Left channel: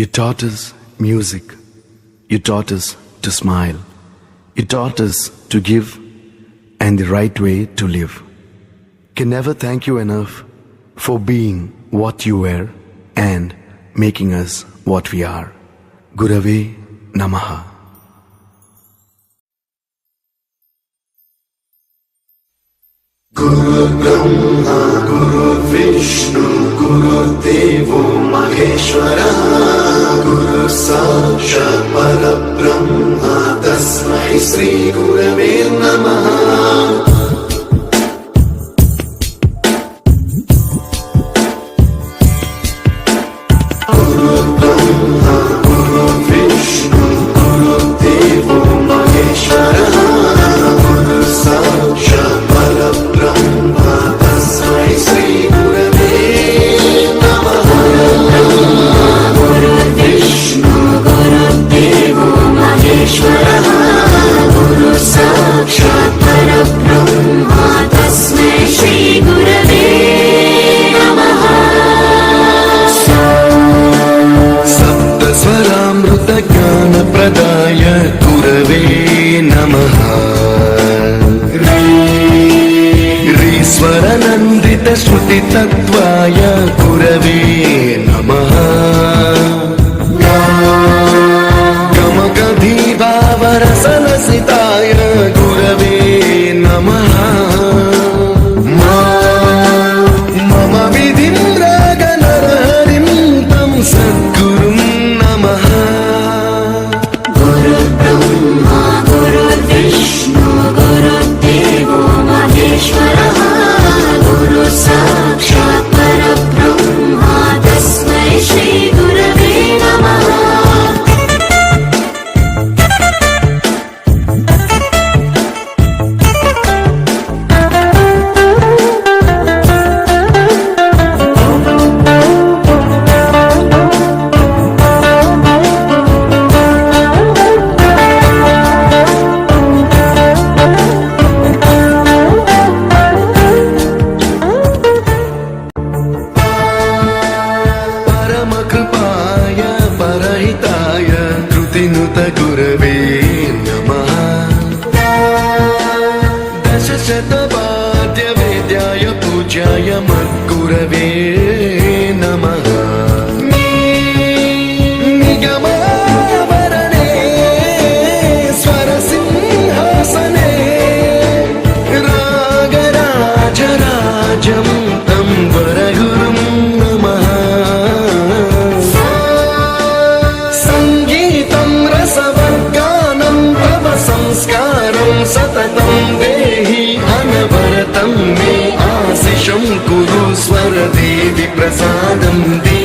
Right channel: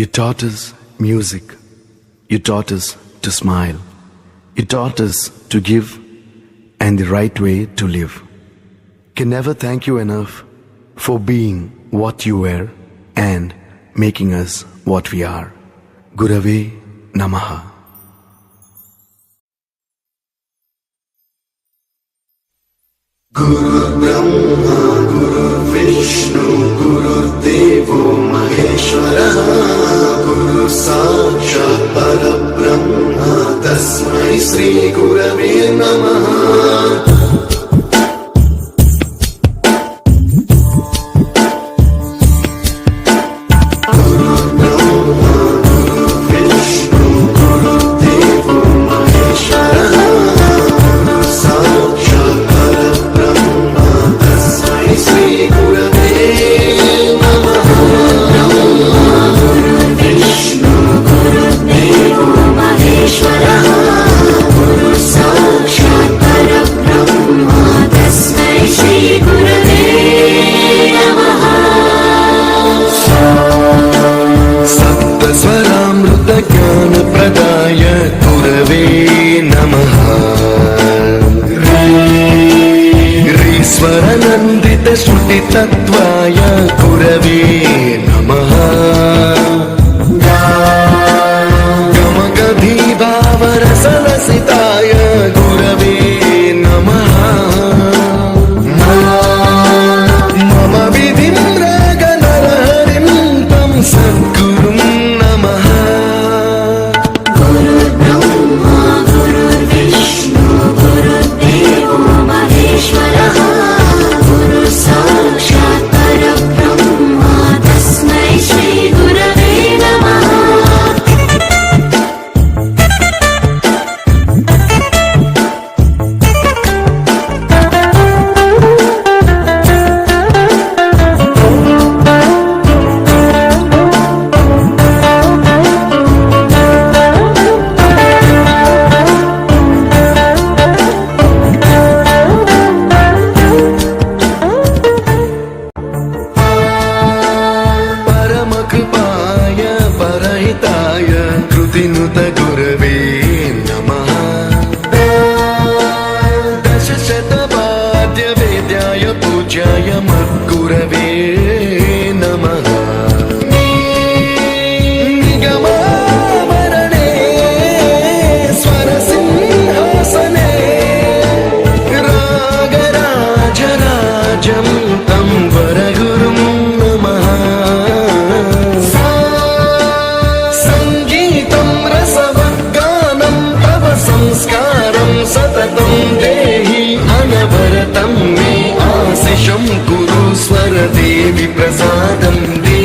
You taught us music. You taught us to smile. You taught us to give and the right way to live. Can never thank you enough for being what you were and making us what we are. Gurave Namaha. Guru Brahma, Guru Vishnu, Guru Devo Maheshwara, Guru Sakshat Parabrahma, Tasmai Sri Gurave Namaha. ज्ञानप्रदाय गुरवे नमः। ईश्वरनन्दित श्रुतितत्त्वाय गुरवे नमः। गमगधीभावरसलसिताय गुरवे नमः। मम विधिं रागनरहरिं तं सद्गुरुं नमः। कृपाय परहिताय कृतिनुत गुरवे नमः। दशशतवाद्य वेद्याय पूज्याय मद्गुरवे नमः। निगमावरणे स्वरसिंहासने रागराजराजं तं वरगुरुं नमः। संस्कारं सततं देहि अनवरतं मे आशिषं कुरु स्वरदेवि प्रसादं देहि।